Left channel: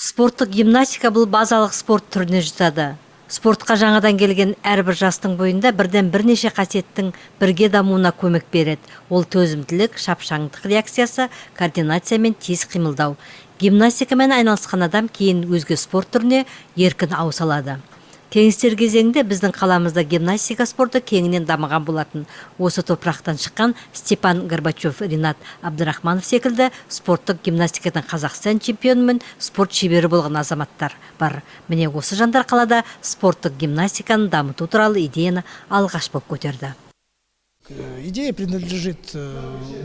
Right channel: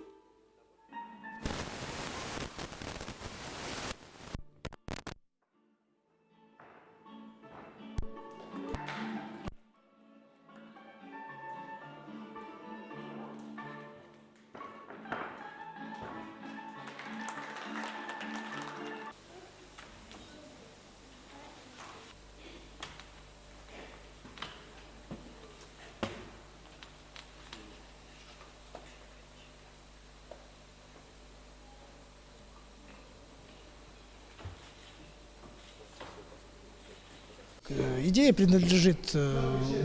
Спорттық гимнастика бұл базалық спорт түріне жатады. Спортқа жаңадан келген әрбір жастың бойында бірден бірнеше қасиеттің бірге дамуына көмек береді. Ол төзімділік, шапшаңдық реакциясы, координация мен тез қимылдау. Гимнастикамен айналысқан адам кейін өзге спорт түріне еркін ауыса алады. Кеңестер кезеңінде біздің қаламызда гимнастика спорты кеңінен дамыған болатын. Осы топырақтан шыққан Степан Горбачев, Ринат Абдрахманов секілді спорттық гимнастикадан Қазақстан чемпионы мен спорт шебері болған азаматтар бар. Міне осы жандар қалада спорттық гимнастиканы дамыту туралы идеяны алғаш болып көтерді. Идея принадлежит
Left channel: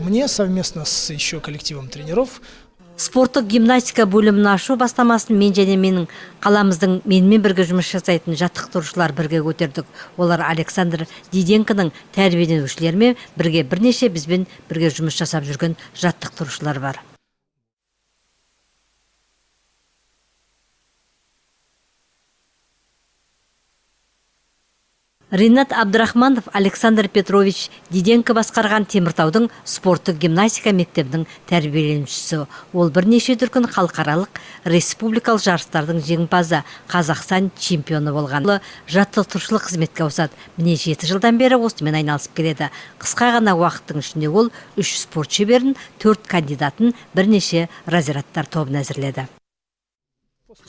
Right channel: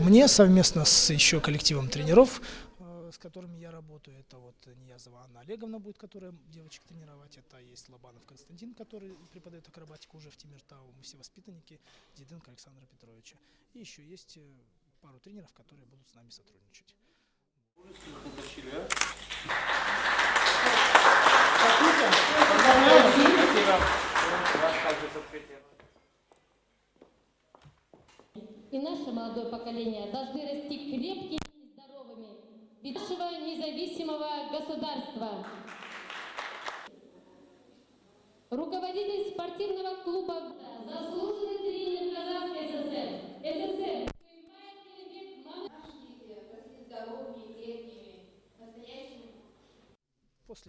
мне совместно с еще коллективом тренеров. Спорттық гимнастика бөлімін ашу бастамасын мен және менің қаламыздың менімен бірге жұмыс жасайтын жаттықтырушылар бірге көтердік. Олар Александр Диденконың тәрбиеленушілерімен бірге бірнеше бізбен бірге жұмыс жасап жүрген жаттықтырушылар бар. Ринат Абдрахманов, Александр Петрович Диденко басқарған Теміртаудың спорттық гимнастика мектебінің тәрбиеленушісі. Ол бірнеше дүркін халықаралық республикалық жарыстардың жеңімпазы, Қазақстан чемпионы болған. Жаттықтырушылық қызметке ауысады. Міне 7 жылдан бері осымен айналысып келеді. Қысқа ғана уақыттың ішінде ол 3 спорт шеберін, 4 кандидатын, бірнеше разрядтар тобын әзірледі.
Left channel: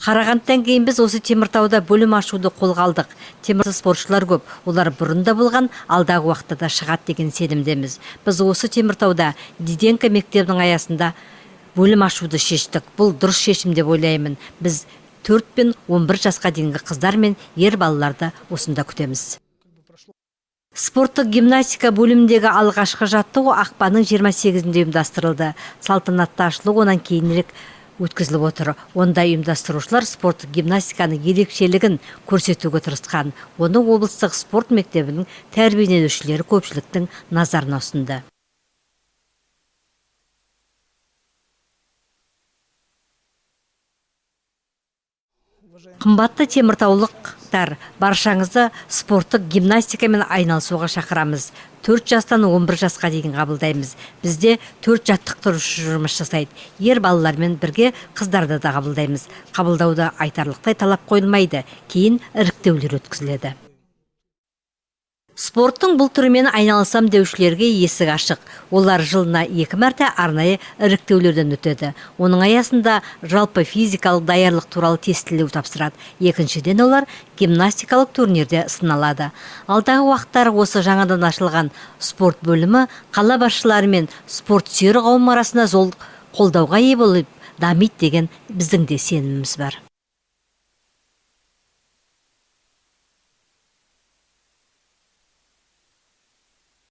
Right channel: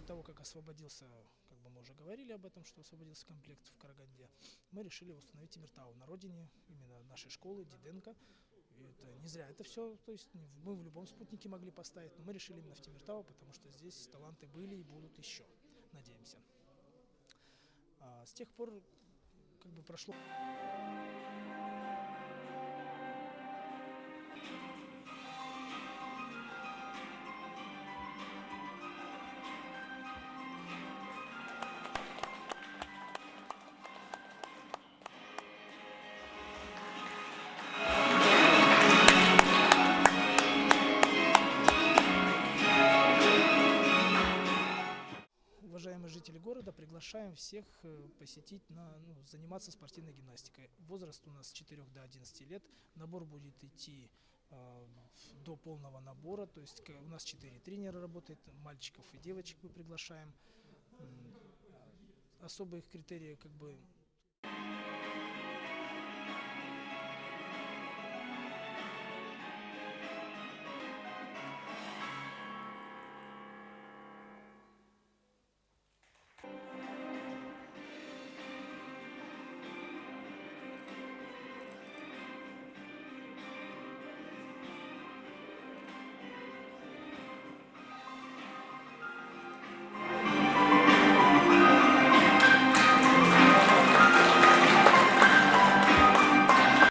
Қарағандыдан кейін біз осы Теміртауда бөлім ашуды қолға алдық. Теміртау спортшылар көп, олар бұрында болған, алдағы уақытта да шығады деген сенімдеміз. Біз осы Теміртауда Диденко мектебінің аясында бөлім ашуды шештік. Бұл дұрыс шешім деп ойлаймын. Біз 4 пен 11 жасқа дейінгі қыздар мен ер балаларды осында күтеміз. Спорттық гимнастика бөліміндегі алғашқы жаттығу ақпанның 28-інде ұйымдастырылды. Салтанатты ашылу онан кейінірек өткізіліп отыр. Онда ұйымдастырушылар спорттық гимнастиканың ерекшелігін көрсетуге тырысқан. Оны облыстық спорт мектебінің тәрбиеленушілері көпшіліктің назарына ұсынды. Қымбатты теміртаулықтар, баршаңызды спорттық гимнастикамен айналысуға шақырамыз. 4 жастан 11 жасқа дейін қабылдаймыз. Бізде 4 жаттықтырушы жұмыс жасайды. Ер балалармен бірге қыздарды да қабылдаймыз. Қабылдауда айтарлықтай талап қойылмайды. Кейін іріктеулер өткізіледі. Спорттың бұл түрімен айналысам деушілерге есік ашық. Олар жылына 2 мәрте арнайы іріктеулерден өтеді. Оның аясында жалпы физикалық даярлық туралы тестілеу тапсырады. Екіншіден олар гимнастикалық турнирде сыналады. Алдағы уақыттары осы жаңадан ашылған спорт бөлімі қала басшылары мен спорт сүйер қауым арасында зор қолдауға ие болып дамиды деген біздің де сеніміміз бар.